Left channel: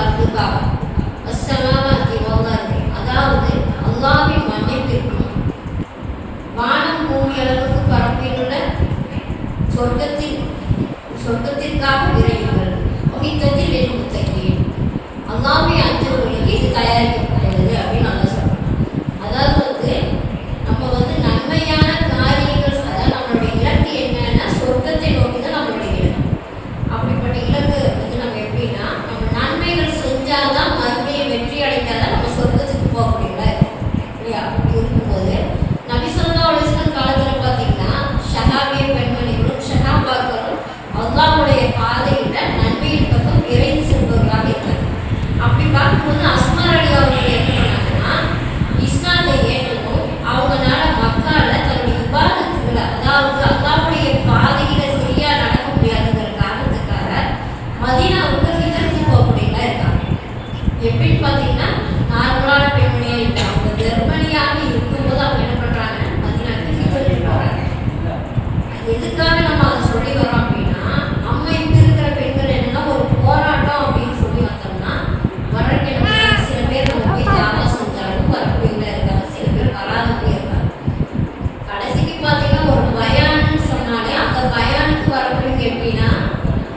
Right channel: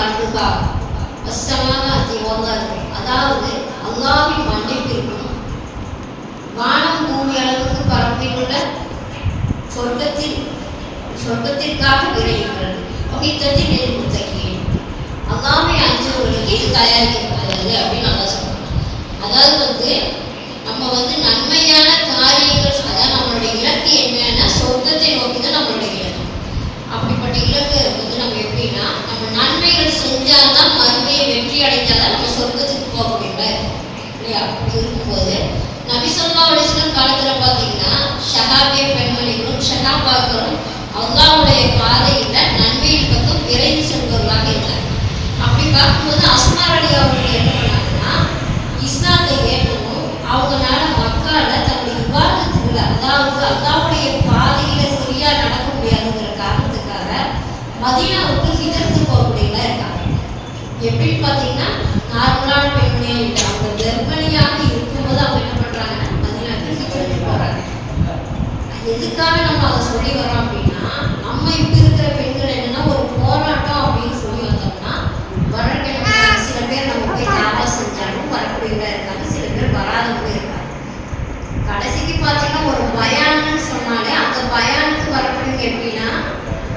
அர்துகா அஸ்ஸமாவாத்தி வல்லாஹி, அதாவது அல்லாஹ்வின் மன்னிப்பிற்கும் வானம் பூமி அளவுக்கு பரப்பில் உள்ள சொர்க்கத்திற்காக விரையுங்கள். வகித்தத்தில் நெருமுத்தக்கி, அல்லாஹ்வை அஞ்சுவதற்கு இது தயாரிக்கப்படுகிறது அப்படின்னு நல்லா சொல்றோம். அதாவது நம்ம நன்மையான காரியங்கள், அதாவது நம்மளுடைய இலக்கு என்னன்னா சொர்க்கத்தை நோக்கி தான் நம்மளுடைய இலக்கு. அப்படிப்பட்ட இலக்கு நம்ம எப்படின்னா, நம்ம நன்மைகள் செஞ்சால்தான் மறுமையை வெற்றி அடைந்தால்தான் நம்ம சொர்க்கத்துக்கு போக முடியல இல்லையா? அப்படி இருக்கும்போது நபி ஸல்லல்லாஹு அலைஹி வஸல்லம் காலத்துல பார்த்தீங்கன்னா ஷஹாபிய பெண்மணிகளும் ஷஹாபாக்களும் அல்லாஹ்வுடைய பாதையில நன்மையின் பக்கம் விரைந்து செல்பவர்களாக இருந்தாங்க. அப்படி பார்க்கும்போது அஸ்மா ரலியல்லாஹு அவர்கள் என்ன பண்ணாங்கன்னா, இஸ்லாத்தை ஏற்றணும், அவங்களால மக்கால தன்னுடைய இபாதத்துகளை, அதாவது அல்லாஹ்வுடைய பாதையில சரியா நடக்க முடியாதுங்கிற காரணத்துக்காக மதீனாவுக்கு ஹிஜ்ரத் போகக்கூடியவங்களா இருக்காங்க. எப்படின்னு பார்த்தீங்கன்னா, நார்மலான பெண்மணியா இல்லை, அவங்க கர்ப்பிணியாக இருக்கும்போது அவங்க என்ன பண்றாங்கன்னா மதீனாவுக்கு ஹிஜ்ரத் போறாங்க. எதுக்காக நம்ம அதை சொல்லி வரோம் அப்படின்னா, நம்ம இப்ப இருக்கிற பெண்கள் என்னன்னா ஒரு போராட்டம் அப்படின்னு சொல்லி வந்தோம்னா வரக்கு என்ன பண்றாங்க, சில பேர் நம்ம போய் தாவா செஞ்சாலும் வரக்கூடியவங்களா இருக்காங்க, சில பேர் வராதவங்களே இருக்காங்க. கடைசிக்கு பார்த்தீங்கன்னா ஒரு பயான்னு சொன்னாலே அந்த பயானுக்கு வரக்கூடியவங்க எப்படின்னா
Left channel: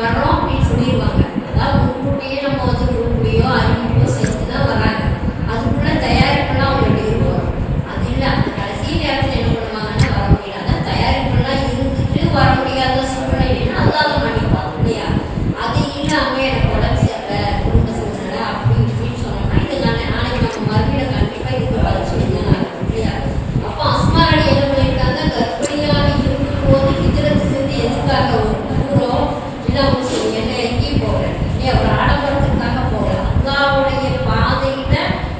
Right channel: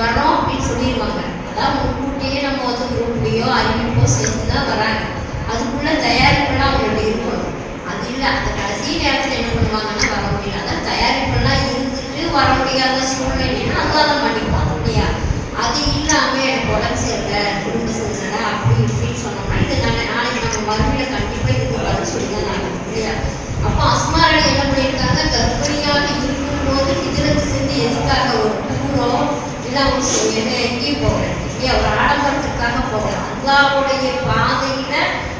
வரோம் அப்படின்னு சொல்லிடுவாங்க. அதாவது முன்கூட்டியே நம்ம குரூப்லையோ அறிவிப்போ செஞ்சு தான் வராங்க. அதுக்குள்ள தயாரிப்பெல்லாம் அவங்கள்ட்ட இருக்கும். அது இல்லை, அந்த கடைசி நேரத்தில் என்ன பண்ணுவாங்கன்னா வர முடியல. அதான் தயாரிப்பெல்லாம் இருந்துட்டு வர முடியாத சூழ்நிலைன்னா அல்லாத மன்னிப்பாங்க இல்லையா? அது இல்லாமல் எனக்கு உடம்பு சரியில்லை, குடும்ப சூழ்நிலை அப்படி இப்படின்னு சொன்னோம்னா இது நாளைக்கு நம்ம மறுமையில கண்டிப்பாக இதுக்கு பதில் சொல்லி தான் ஆகும் இல்லையா? அப்போ அஸ்மா ரலி என்ன பண்ணியிருக்காங்க, கர்ப்பிணியாக இருக்கும்போது ஹிஜ்ரத் செஞ்சு எதுக்காக ஒரு டூரோ இல்லை அவங்க என்ன எங்கேயும் போகல, ஒரு ஆடம்பரத்துக்காக போகல, அல்லாஹ்வுடைய பாதையில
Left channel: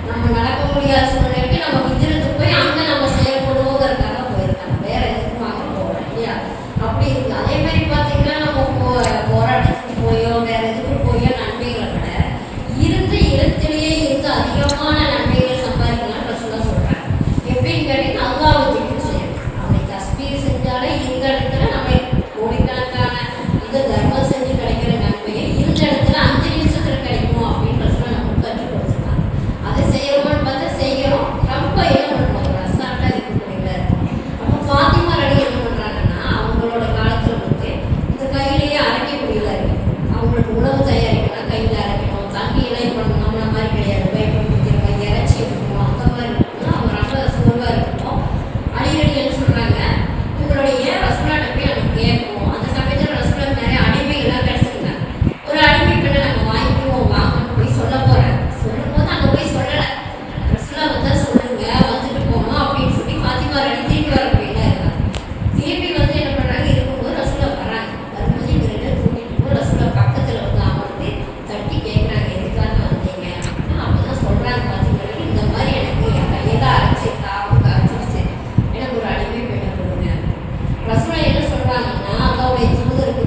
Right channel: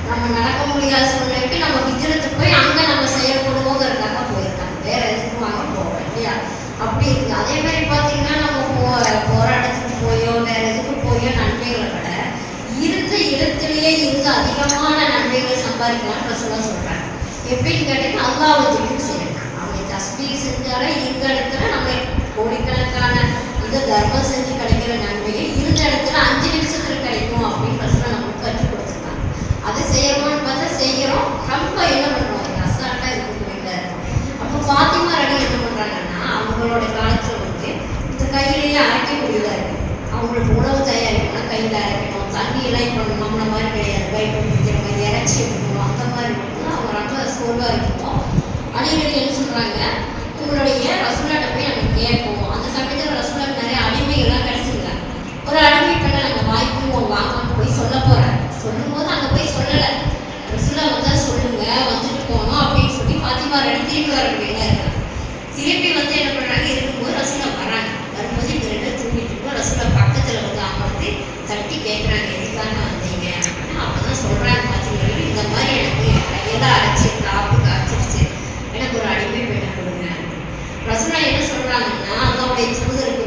நம்ம நடக்க முடியாத சூழ்நிலைக்கு நம்ம ஹிஜ்ரத்து போய் அங்கே நம்ம செயல்படுவோங்கிறதுக்காக போயிருக்காங்க, வேற எதுக்கும் வாங்க போகல இல்லையா? அப்படி இருக்கு. அதே மாதிரி பார்த்தீங்கன்னா நம்ம போராட்டத்துக்கு போயோ வேற எதுக்கு போயோ நன்மைகளை விட இருந்த இடத்திலேயே இருந்து அதிகமான நன்மைகளை சம்பாதிக்கலாம்னு ரசூலுல்லாஹ் சொல்றாங்க. எப்படின்னு கேட்டீங்கன்னா, அல்லாஹ்வை திக்ர் செய்யணும். அவனை தஸ்பீஹ் செஞ்சாலே இருந்த இடத்துல நம்ம கோடிக்கணக்கான இந்த தர்மம் செஞ்சு கிடைக்கிற நன்மையை இருந்த இடத்துல 5 நிமிஷத்துல கிடைக்கும் அப்படின்னு ரசூலுல்லாஹ் நமக்கு கற்றுக் கொடுத்துருக்காங்க. அதை செய்யணும்னு பார்த்தா செய்யறோம், ரொம்ப என்ன பண்ணுவாங்க அசால்ட்டா இருக்கக்கூடியல. அப்போ ஃபாத்திமா ரலி என்ன பண்றாங்கன்னா, அவங்களோட காலத்துல இந்த கையிலேயே அரைக்க முடியல இருக்கு. அவங்களுக்கு உணவு தயாரிக்கணும், கையில் அரைக்கணும், தண்ணியெல்லாம் இப்போ நம்மள மாதிரி கிடையாது, பைப்பு பிடிக்கிற மாதிரி இறைச்சி இருக்கணும், அந்த மாதிரி இருக்கணும். அவங்க ரொம்ப சோர்வாக இருக்கணும். அடிக்கடி என்ன சொல்றாங்க, உங்களுடைய ரசூலுல்லாஹ்ட்ட போய் நம்ம கேட்போம். அந்த சமயத்தில் ரசூலுல்லாஹ் நிறைய அடிமைகள்லாம் கிடைச்சிருந்தாங்க. ஒரு அடிமை பெண்ணை நம்ம வாங்கிக்குவோம் வாங்கன்னு போய் சொல்ல போறேன். சொல்லும்போது அங்கே போய் சொல்லலை, ரசூலுல்லாஹ் வந்தா சொல்லுங்க, வந்துட்டு போகணும் அப்படின்னு சொல்லி ஃபாத்திமா ரலி திருப்பி வர முடியல இருக்காங்க. திருப்பி என்ன பண்றாங்க, இருக்கும்போது ரசூலுல்லாஹ் வராங்க. வரும்போது இந்த ரெண்டு தூங்கிட்டு ரசூலுல்லாஹ் பக்கத்துல அவங்க தட்டி கேட்குறாங்க, எதுக்காக வந்தீங்க அப்படின்னா. அப்பதான் சொல்றாங்க, பார்த்தீங்கன்னா இந்த மாதிரி எனக்கு எல்லாம் அரைச்சி காப்பு காய்ச்சிருச்சு, எனக்கு ஒரு அடிமை பெண்ணை கொடுங்க. ரசூலுல்லாஹ் என்ன சொல்றாங்கன்னா, அல்லாஹ்வுடைய தூதருக்கு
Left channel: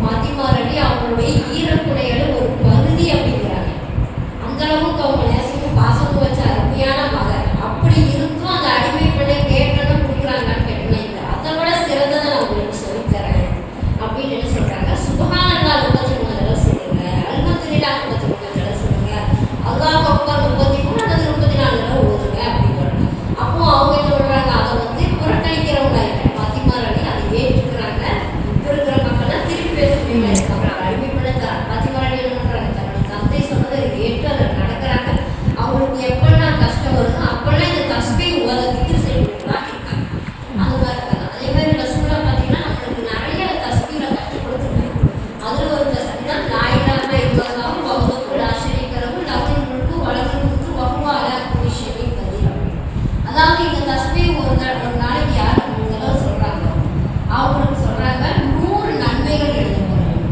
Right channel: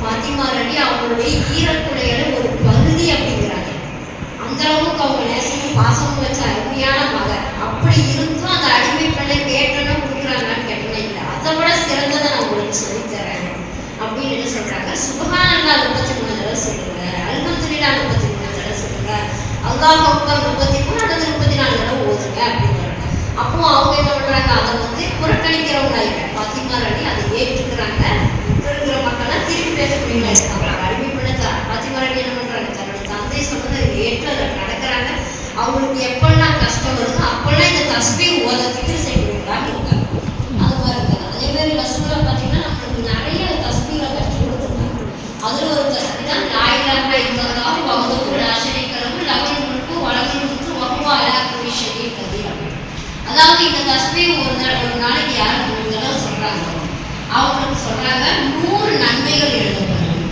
ஃபாத்திமா ரலி அவங்களுடைய ஈரக்குடையில ஒரு பகுதி அப்படிங்கிறாங்க. அந்த அளவுக்கு அவங்க நேசிக்க பாசம் வச்ச அருமையான மகன். அப்படி இருந்தும் அந்த அடிமை பெண்ணை கேட்டனும் கொடுக்குறாங்கன்னு கேட்டீங்கன்னா இல்லை, அதை விட சிறந்ததை நான் உங்களுக்கு சொல்லித்தரேன் அப்படின்னு என்ன சொல்றாங்க, சுப்ஹானல்லாஹ் 33 தடவை சொல்லுங்க, அல்ஹம்துலில்லாஹ் 33 தடவை சொல்லுங்க, அல்லாஹ் அக்பர் 33 அல்லது 34 தடவை ஓதுங்க அப்படிங்கிறாங்க. அப்போ அவங்க என்ன பண்றாங்க, அதை புறக்கணிக்கிறவங்க இல்லை, ஃபாத்திமா ரலி அதை ஏற்றுக்கிறாங்க. இப்போ இருக்கிற மக்கள்லாம் திருப்பி பேசக்கூடியவங்க இருக்காங்க. அடிமை பெண்ணை ஃபாத்திமா ரலி என்ன பண்றாங்க, தன்னோட தந்தை சொன்னதை ஏற்று அதில் நடக்கிறாங்க. அவங்களுக்கு எப்பெல்லாம் கஷ்டம் வருதோ அப்பெல்லாம் இந்த தஸ்பீஹ் ஓத திக்ர் செய்யக்கூடியவங்களா இருக்காங்க. அது மாதிரி இருக்காங்க. அதே மாதிரி ரசூலுல்லாஹ் பார்த்தீங்கன்னா நம்மளுக்கு நிறைய தஸ்பீஹை கற்றுக் கொடுத்துருக்காங்க. அதில் ஒரு தஸ்பீஹ் தான் லா இலாஹா இல்லல்லாஹ் வஹ்தஹு லா ஷரீக லஹு லஹுல் முல்கு வ லஹுல் ஹம்து வ ஹுவ அலா குல்லி ஷைஇன் கதீர். அதாவது இந்த தஸ்பீஹ் ஒரு நாளைக்கு யாருக்கு 3 தடவை சொல்றாங்க, அவங்களுக்கு சொல்றாங்க 100 நன்மைகள் எழுதப்படும்,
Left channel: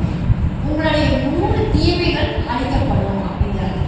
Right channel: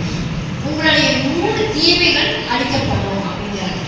உங்களுடைய 100 தீமைகள் அழிக்கப்படும் அப்படிங்கிறாங்க.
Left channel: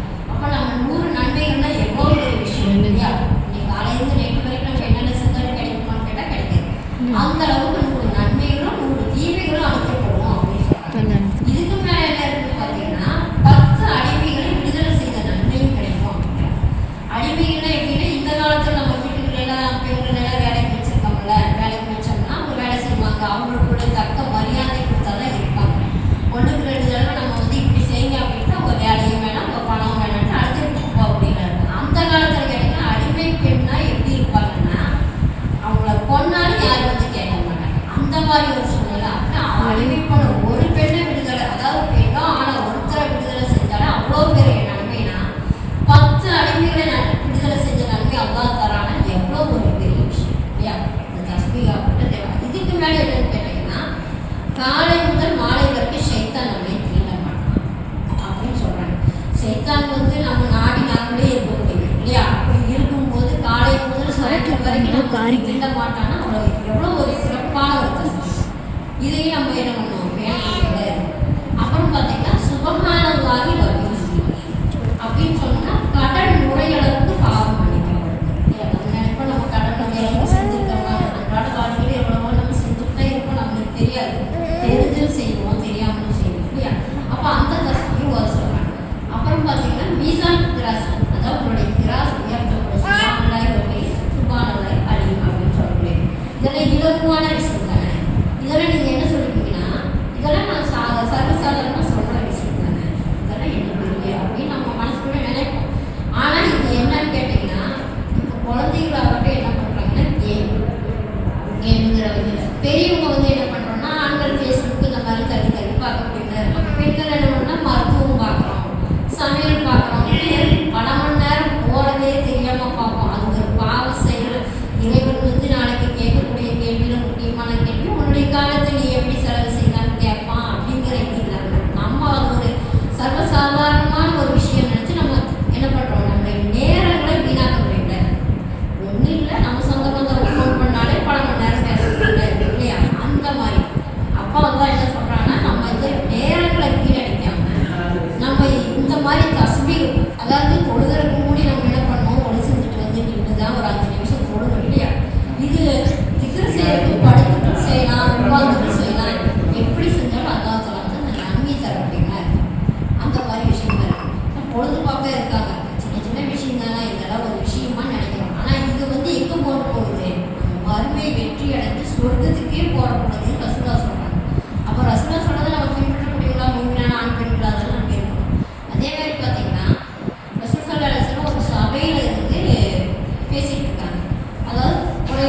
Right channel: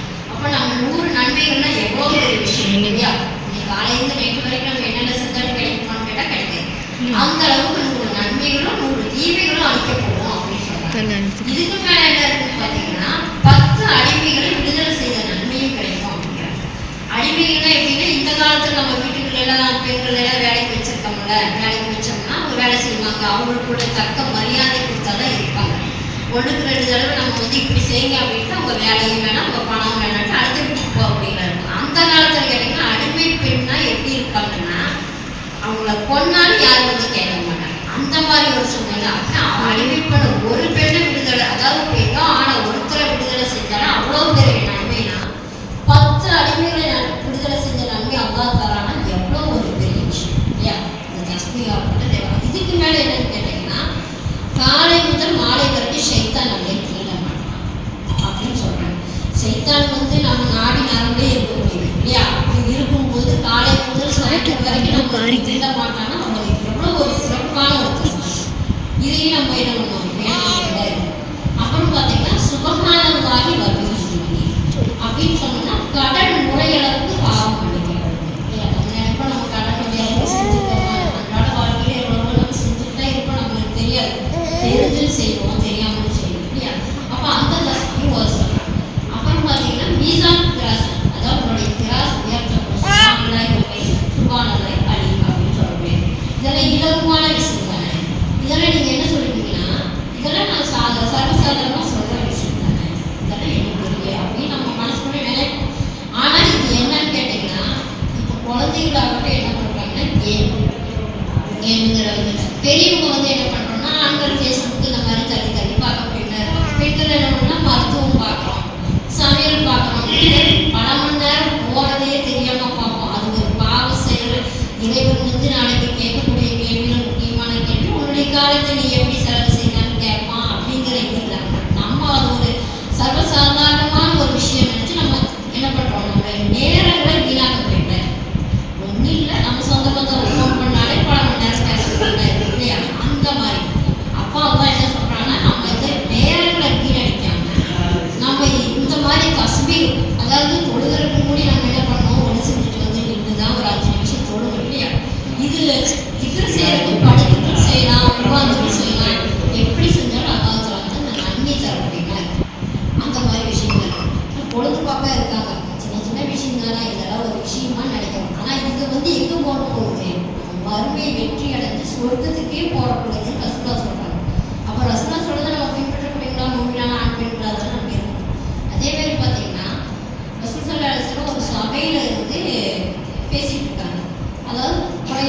அடிமைப்பட ஒரு பெண்ணை விடுதலை, அதாவது பெண்ணோ ஆனா ஒருத்தரை விடுதலை செஞ்சாலும் அவ்வளோ பெரிய நன்மைனா 10 அடிமைகளை விடுதலை செஞ்ச நன்மை அல்லாஹ் தரானா எவ்வளோ ஒரு பெரிய விஷயம் இல்லையா? இந்த தஸ்பீஹ் தேவை. இதுக்கு மேலே என்னன்னு கேட்டீங்கன்னா, காலை முதல் மாலை வரைக்கும் ஷைத்தான் நம்மளை திருட மாட்டான் அப்படின்னு சொல்றாங்க. ஷைத்தான் வந்து நம்ம நாடி நாங்களே இருக்க முடியும் இல்லையா? அப்படி இருக்கும்போது காலை முதல் சாயந்தரம் வரைக்கும் நம்ம திருட மாட்டான்னா அவங்களுக்கு எவ்வளோ ஒரு சிறப்பான ஒரு தஸ்பீஹ். இதையும் நம்ம என்ன பண்ணுவோம். அப்புறம் பார்த்தீங்கன்னா சுபஹானல்லாஹி வ பிஹம்திஹி அப்படின்னு சொன்னோம்னா கடன் முறையளவுக்கு பாவம் மன்னிக்கப்படும். நம்ம நினைப்போம் நம்ம கடன் முறையளவுக்கு செஞ்சுருக்கோமா, அன்றாட வாழ்க்கையில் எவ்வளவோ நம்ம செஞ்சுட்டு தான் இருப்போம், நம்மளுக்கு தெரியாது, தெரிஞ்சும் செய்வோம் தெரியாமலும் செய்வோம் இல்லையா? அப்போ அந்த தஸ்பீஹ் ஒரு சொல்கிறாங்க. அப்புறம் பார்த்தீங்கன்னா மீசான் கிராஸ், அதாவது உங்களுடைய கிராஸ் உயர்த்தப்படும். சுபானல்லாஹி வ பிஹம்திஹி சுபானல்லாஹி அலீம் அப்படின்னு சொல்லக்கூடியது. இதெல்லாம் இலகுவான விஷயம் தானே. இதெல்லாம் நீங்கள் என்ன சொல்லிட்டீங்கன்னா, இதெல்லாம் நான் சர்வசாதாரணமாக சொல்கிற விஷயம் தானே, இதெல்லாம் எனக்கு தெரியல அப்படின்னு நம்ம மனசுக்குள்ளே நினைப்போம். ஆனால் இது என்னன்னு கேட்டிங்கன்னா, இப்போ குழந்தைகளாகட்டும் என்ன பண்ணுறாங்கன்னா கேமுங்கிற பெரியவங்க வந்து என்ன பண்ணுறோம்னா ஆண்கள் ஃபேஸ்புக் இந்த மாதிரி தள்ளி தள்ளி பார்க்கக்கூடிய இருப்பாங்க. பெண்கள் என்ன பண்ணோம்னா மருத்துவம் பார்க்குறோம், சமையல் பார்க்குறோம், பல மணி நேரம் போகிறதே தெரியாமல் பார்ப்போம். அது ஒரு பாவ செயல். இறைவன் வந்து நாளைக்கு கேட்கக்கூடிய கேள்வியில் முக்கியமான கேள்வி, உன்னுடைய காலத்தை நீ எப்படி செலவு செய்யலான்னு கேட்பான் அப்படிங்கிற எண்ணம். நம்ம அது ஒரு சர்வசாதாரணமான ஒரு விஷயம் நினச்சி நம்ம என்ன பண்ணுறோம், நம்ம நேரங்களை வீணாக்க வேண்டாம். ஒன்றும் இல்லை, நம்ம சொந்த பந்தம் ஃபோன் பண்ணாலே பல மணி நேரம் பேசுறது இல்லையா? அந்த மாதிரி அப்பா தான் என்ன சொல்கிறாங்கன்னா, நம்ம இந்த நேரங்களை வீணடிக்காம நம்ம இந்த மாதிரி தஸ்பீஹ், அதாவது தொழுகிறதுக்கு முன்னாடி நம்ம என்ன பண்ணோம், ஒன்று செஞ்சுட்டு வந்து நின்று தான் ஒரு 5 நிமிஷம் தொழுகணும் இல்லையா? இது திக்ர் செய்யறதுக்கு படுத்துட்டு செய்யலாம், உட்கார்ந்துட்டு செய்யலாம், எப்படி செஞ்சாலும் அல்லாஹ் தஆலா வந்து அந்த நன்மை தரக்கூடியதா இருக்கு. அந்த மாதிரி விஷயங்கள் இருக்கு. பொழுதுபாக்க இருக்காங்க, சின்ன சின்ன விஷயம் தானே, இதெல்லாம் ஒரு விஷயமா நினைக்கிறோம். ஆனால் இது வந்து எங்கே போக போகுது, வறுமை வெற்றி அடைஞ்சு சொர்க்கத்துக்கே போகக்கூடாதுன்னு ரசூலா சொல்கிறாங்க. அப்போ ரசூலா சொல்றதை நம்ம பின்பற்றக்கூடியவங்களா, மூமினான ஆண் பெண்களா தான் நம்ம இருக்கணும். அதே மாதிரி பார்த்தீங்கன்னா ரசூல் ஸல்லல்லாஹு அலைஹி வஸல்லம் ஒரு சபையில் இருந்து பேசிட்டு இருக்காங்க, அதாவது உரை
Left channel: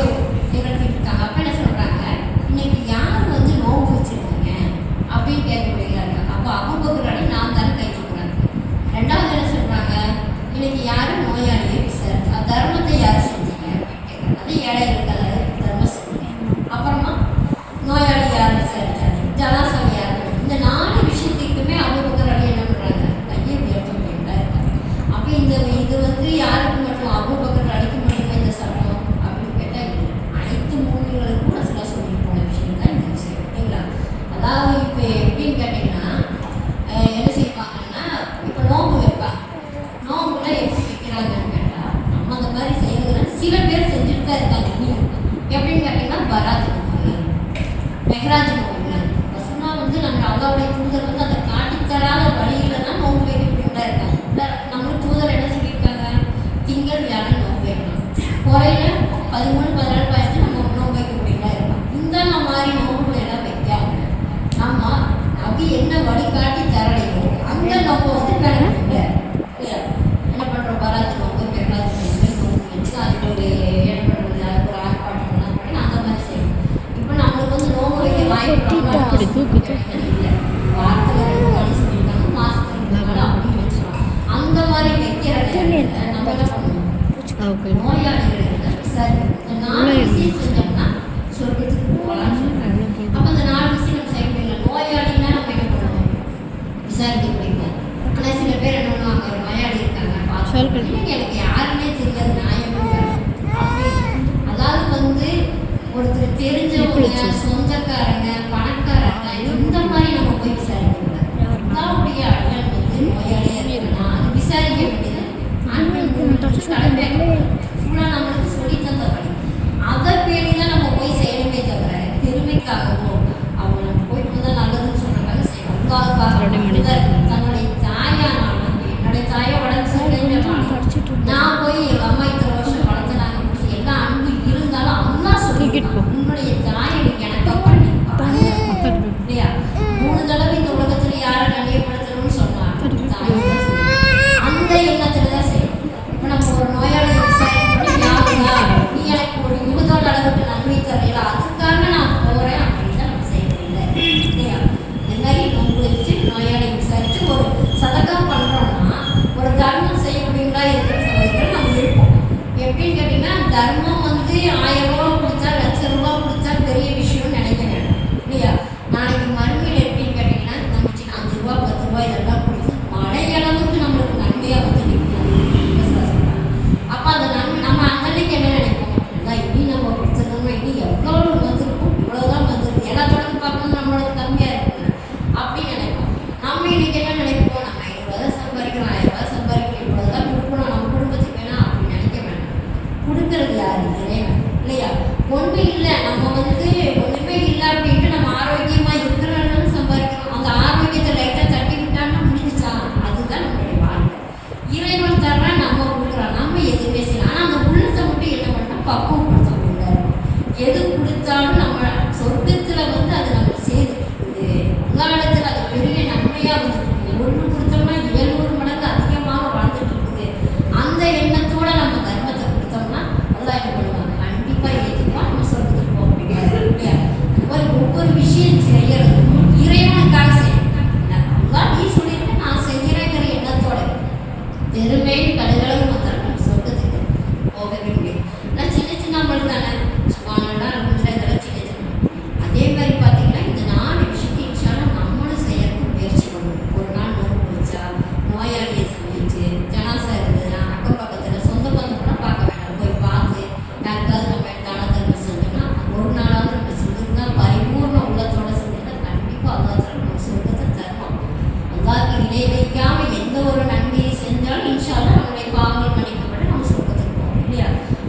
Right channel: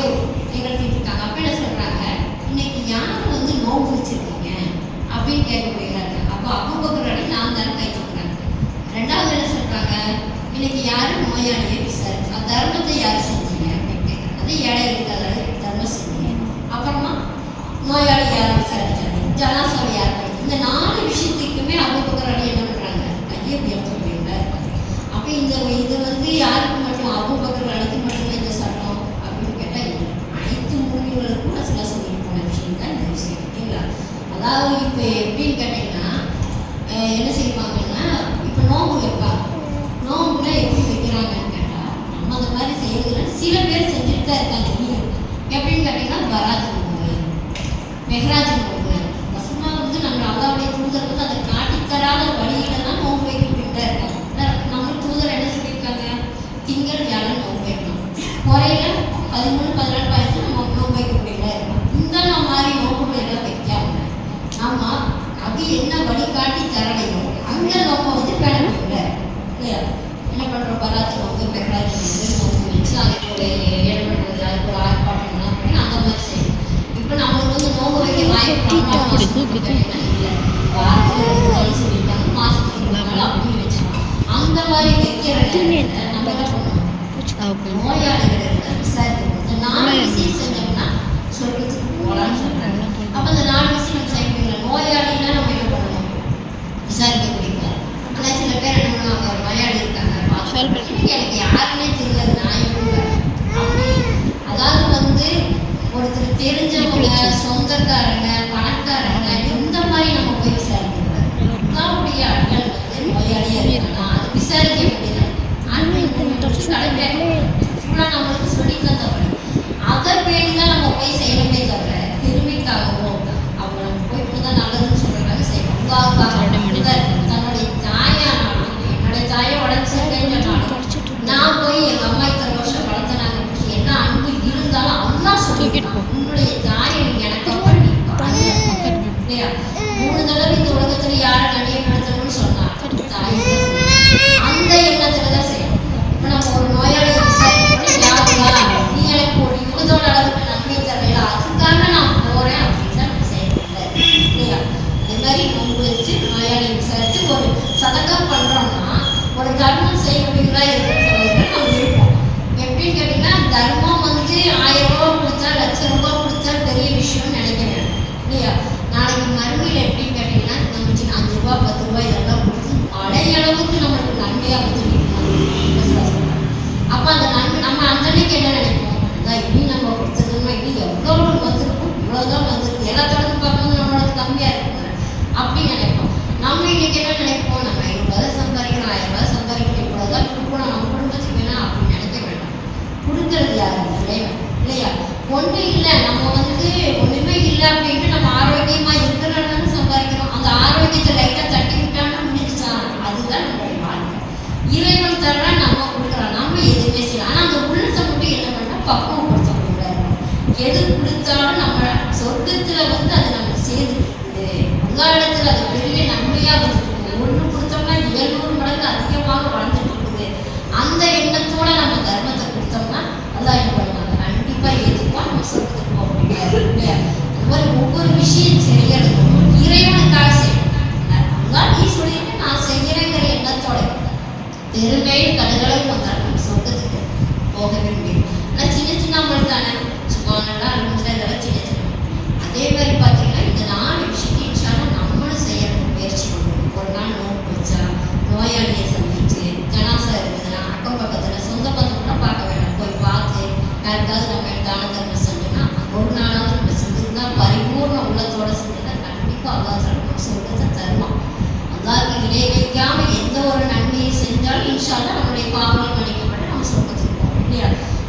நிகழ்த்திட்டு இருக்காங்க. அப்போ என்ன சொல்கிறாங்க, இன்னைக்கு யார் வந்து நோன்பு வச்சிருக்காங்க அப்படின்னு கேட்கக்கூடியவங்களா இருக்காங்க. அப்போ அபூபக்கர் நான் தான் கை சொல்கிறாங்க. ரெண்டாவது என்ன சொல்கிறாங்க, இன்னைக்கு யாரும் நோயாளியை விசாரிச்சு தர்மத்தை யார் செஞ்சீங்க அப்படின்னு கேட்குறாங்க. அது ஏழைகளுக்கு அதாவது தர்மம் செஞ்சீங்க. அப்புறமா நோயாளி யார் விசாரிச்சாங்க, ஜனாசாவை யார் பண்ணி, இந்த 4 விஷயத்துக்குமே அபூபக்கர் என்ன பண்ணுறாங்க, கையை உயர்த்தக்கூடியவங்களா இருக்காங்க. அப்போ இது வந்து யாருக்கு மட்டும், அபூபக்கர் அடிக்கு மட்டுமே இந்த சட்டம் அப்படின்னு கேட்டால் இல்லை, அனைத்து மூமின்களுக்கும் ரசூலா சொல்லி போன விஷயம் தான் இந்த விஷயம் இல்லைங்களா? அதாவது இப்போ எப்படின்னு கேட்டிங்கன்னா, என்ன செய்வாங்கன்னா, இப்போ நோம்பு வைப்பாங்க. நோம்புல எப்படி வைக்கிறாங்கன்னு கேட்டால், நம்ம அந்த மாதிரி செய்யறதுல சில பேர் செஞ்சுட்டு தான் இருக்காங்க. இன்னும் எப்படின்னு கேட்டிங்கன்னா, பராத் நோம்பு, மெஹராஜ் நோம்பு, ரசூலா வந்து நம்ம அல்லாஹ்வுடைய தூதர் வந்து அதை காட்டித்தராத வழியில தான் நோம்பு வைக்கிட்டு தான் இருக்காங்க. நம்மளுக்கு தூதர் என்ன சொல்லியிருக்காங்க, திங்கள் வியாழன் நோம்பு வைக்கணும், குறையில 13, 14, 15 நம்ம நோம்பு வைக்கக்கூடியதா இருக்கலாம். இந்த மாதிரி நோம்புகளை எல்லாம் வைக்காம நம்ம அது என்ன வழிகாட்டி தரலையோ அந்த நோம்பை வந்து பேணக்கூட இல்லையா? என்ன பண்ணுறோம், பராத்து நோம்பு, மெஹராஜ் நோம்பு வச்சு அதுக்கு என்ன பண்ணுறது, அதுக்கு ஒரு ஆர்ப்பாட்டங்கள்லாம் பண்ணி அந்த மாதிரி செய்யணும். இப்போ நம்மளுக்கு வந்து நோம்பு வைக்க வாய்ப்பு இல்லை, வாரத்தில் 2 நாள் சொல்லிட்டாங்க, மாதத்துக்கு 3 நாள் அப்படின்னு வச்சுக்கலாம். அந்த மாதிரி வைக்கிற நேரத்தில் நம்ம என்ன பண்ணுவோம், நோயாளிகள் இருந்தால் விசாரிக்கணும். இந்த 4 விஷயம் செஞ்சோம்னா சொர்க்கத்துக்கு போகலான்னு சொல்கிறாங்க. அப்போ இந்த 4 விஷயம் நம்ம செய்ய முடியல. நோயாளினா நம்ம என்ன பண்ணணும், விசாரிக்க முடியல. ஆனால் சில பேர் என்ன பண்ணுவாங்க, ஒரு நோயாளி இருக்காங்க, எனக்கு யாருன்னே தெரியாது, நான் எப்படி அப்படி, அதாவது வந்து ஒருத்தர் தெரிஞ்சவங்க, சொந்தக்காரங்க, பணக்காரங்க, இந்த மாதிரி நம்ம போய் விசாரிக்கக்கூடாது. அல்லாஹ்வுடைய அடியாள் வந்து நோயாளியாக இருக்குன்னா அது விசாரிக்க வேண்டியது அன்பை கடமை. ஃபுல்லாக நம்மளுக்கு சொல்லி தந்தபடி அதை பேணி தான் நம்ம போய் செய்யணுமே தவிர பெருமைக்காகவோ அவங்க நம்ம போய் தான் நல்லதுன்னு சொல்கிறாங்க செய்வோம். தன்னுடைய தாயானாலும் என்னுடைய தாயை வளர்ச்சிருக்கேன்னு நான் போய் எங்கள் அம்மா இத்தனை வருஷம் வளர்த்தனாங்க என்ன அன்பு இருந்தாலும் அம்மா சொல்லி உன்னுடைய தாயை எனக்கு பண்ணி இல்லையா? 3 தடவை இந்த உலகத்தில் யாரை கண்ணியப்படுத்தணும்னு சொன்னாங்க, தாயை தான் சொல்லி அந்த எண்ணத்தில் தான் செய்யணும். இப்போ நம்ம ஒரு நோயாளியை விசாரிக்கணும், யாருங்களா நீ எனக்கு ஒரு யுகத்தோட அளவுக்கு நன்மை தரையில அதுக்காக நான் போகிறேன் அப்படின்னு தான் நம்ம செய்யறதில்லை. இறைவன் தர்றான், நம்ம கொடுக்குறோம், நம்ம எதுவுமே செய்யலாம். ஆனால் அந்த உள்ளத்தை மட்டும் என்ன பண்ணால் பக்குவப்படுத்த முடியாது. எது கொடுத்தாலும் நம்ம சொர்க்கத்தில் வந்து அது நமக்கு சேர்ந்துருக்குது, அங்காளத்தில் அது பெரிய நன்மையாக வந்துருக்கு. ஒன்று கொடுத்தோம்னா 700 மடங்கு அதிகமாக வளர்ந்துட்டு இருக்குது. அந்த எண்ணத்தோட நம்ம தர்மத்தை கொடுத்தோம்னா அதான் என்ன பண்ணுவாங்க, கண்டிப்பாக ஏற்றுப்பா, நம்ம சொர்க்கத்துக்கு போக முடியாது. அந்த மாதிரி ஒவ்வொரு விஷயம் செய்யறதும் இறைவனுக்காக செய்யணும். அதான் நீ சொல்லிட்டு நான் செய்கிறேங்கிற எண்ணத்தோட பெருமையில் கடுகளவு வந்தாலும் நம்ம சொர்க்கத்துக்கு போகவே முடியும். ஆனால் சின்ன சின்ன அமல் தானே, சும்மாங்கன்னா இதெல்லாம் சின்ன சின்ன. அதே மாதிரி பார்த்தீங்கன்னா இந்த 4 விஷயத்தை இன்ஷால்லாம் நம்மளும் செய்யறதுக்கு முயற்சி பண்ணுவோம். ஒரு நாள் நோன்பு வச்சா, நோயாளியை சந்திச்சு, ஜனாசா இருந்ததுன்னா அக்கம் பக்கத்தில் சொந்த பந்தம்லாம் பார்க்க வேண்டாம், போய் பார்த்து யாருக்காவது நம்ம தான தர்மம் செஞ்சோம்னா ஒரு நாளாவது நம்ம செஞ்சிருந்தா பரிபூர்ண உள்ளத்தோடு செஞ்சோம்னா கண்டிப்பாக அல்லாஹ் நம்ம சொர்க்கத்தை தருவான். அல்லாஹ்க்கு இணை வைக்காம எந்த ஒரு நன்மையை செஞ்சாலும் இன்ஷால்லா நம்முடைய பாவங்கள் மன்னிக்கப்பட்டு நம்ம சொர்க்கத்துக்கு போவோம் இல்லையா?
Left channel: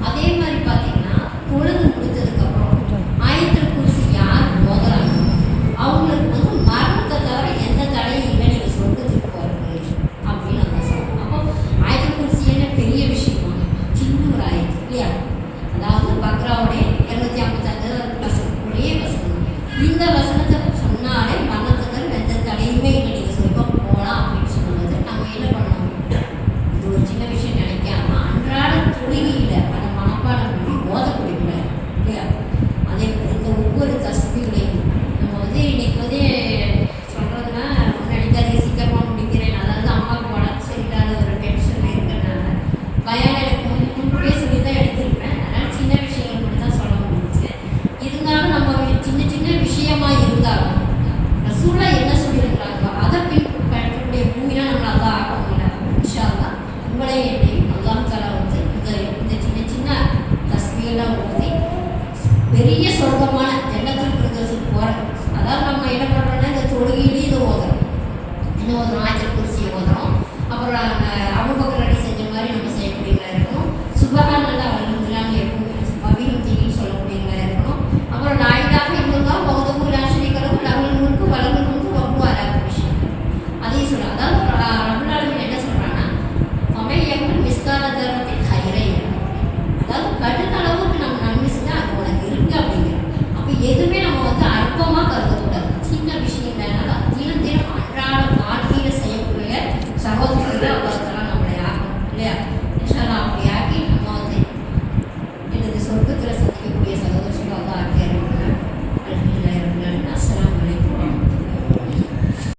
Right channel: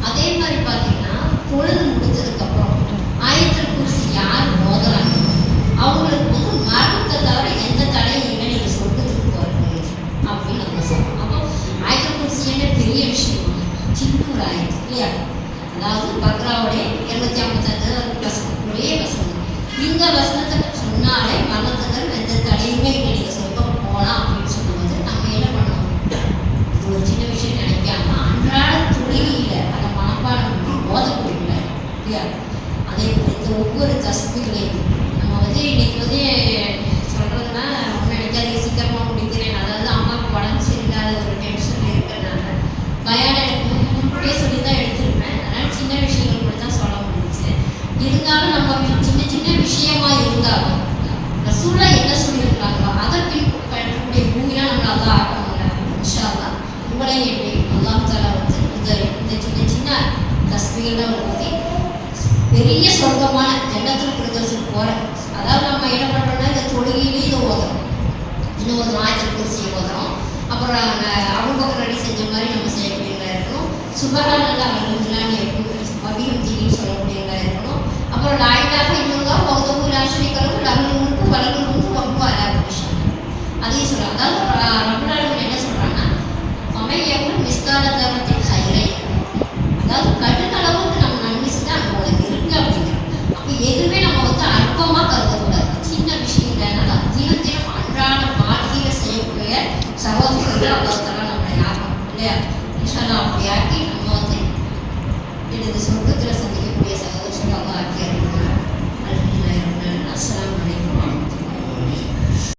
அதே மாதிரி பார்த்தீங்கன்னா பொழுது முடித்ததுக்கப்புறம் ஆயத்துல் குர்சி யார் ஓதுறாங்க அவங்களுக்கு வந்து மரணத்தை தவிர எந்த தடையும் இல்லை, நீங்கள் சொர்க்கத்துக்கு போகிறது அப்படின்னு நம்ம சொல்கிறோம். அப்போ ஆயத்துல் குர்சின்னு பெரிய விஷயமா, சின்ன ஒரு ஆயத்து இல்லையா? அதாவது பக்ராவுடைய 255 வசனம், ஒரே வசனம். இந்த வசனத்தை சொன்னாலே மரணத்துக்கு எந்த தடையுமே இல்லை, நீங்கள் சொர்க்கம் போகலாம் அப்படின்னு சொல்லும்போது நம்ம என்ன பண்ணணும்? இது ஒரு சின்ன விஷயம் நினைக்காம அன்றாட தொழிலில் அதை மனப்பாடம் பண்ணி ஓதக்கூடியக்கூடாது இல்லையா? அதே இந்த ஒவ்வொரு தஸ்பீலையும் நம்ம வந்து இன்னைக்கு வந்து சொல்கிறதுனா நினைக்காதீங்க சீக்கிரமாக முடிக்கிறேன். அதாவது அம்மாவுக்கு உடம்பு சரியில்லாத ஒரு டென்ஷன் இருக்கிறதுனால பயான் எனக்கு முன்கூட்டியே சொல்லி தான் எடுத்திருப்பேன். அதனால் சின்ன விஷயங்கள் மட்டும் தான் சொல்ல முடிஞ்சிச்சு. இருந்தாலும் நம்ம சின்ன சின்ன விஷயமா இருந்தாலும் ரசூலா என்ன சொல்லியிருக்காங்களோ அதை பின்பற்றக்கூடிய பூமியாக நம்மளால் தான் ஆக முடியல. இன்ஷா அல்லாஹ் உங்களை என்னையும் அல்லாஹ் தஆலா வந்து இந்த சின்ன சின்ன தஸ்பீகெல்லாம் ஊதி பெரிய சொர்க்கமான ஜன்னத்துல் ஃபிர்தௌஸுக்கு போகிறோம். அதாவது நம்ம என்ன பண்ணுறோம்னா இந்த தொழுகையிலேயே இதை ஓதுறோம், இன்னும் ஓதுறோம், ஆயத்துல் குர்சியை ஓதுறோம். அப்புறம் அபூபக்கர் அலி செஞ்ச மாதிரி நம்ம செய்யக்கூடியவங்களா இருக்கணும். சுப்ஹானல்லாஹ் அல்ஹம்துலில்லாஹ்னு இருக்கும் அபிஹம்தின்னு சொல்லக்கூடியவங்களா இருக்கணும். அப்புறம் லா இலாஹ இல்லல்லாஹ் வஹ்தஹு லா ஷரீக லஹு லஹுல் முல்கு வலஹுல் ஹம்து வஹுவ அலா குல்லி ஷைஇன். அதையும் சொல்லுவாங்க. அதாவது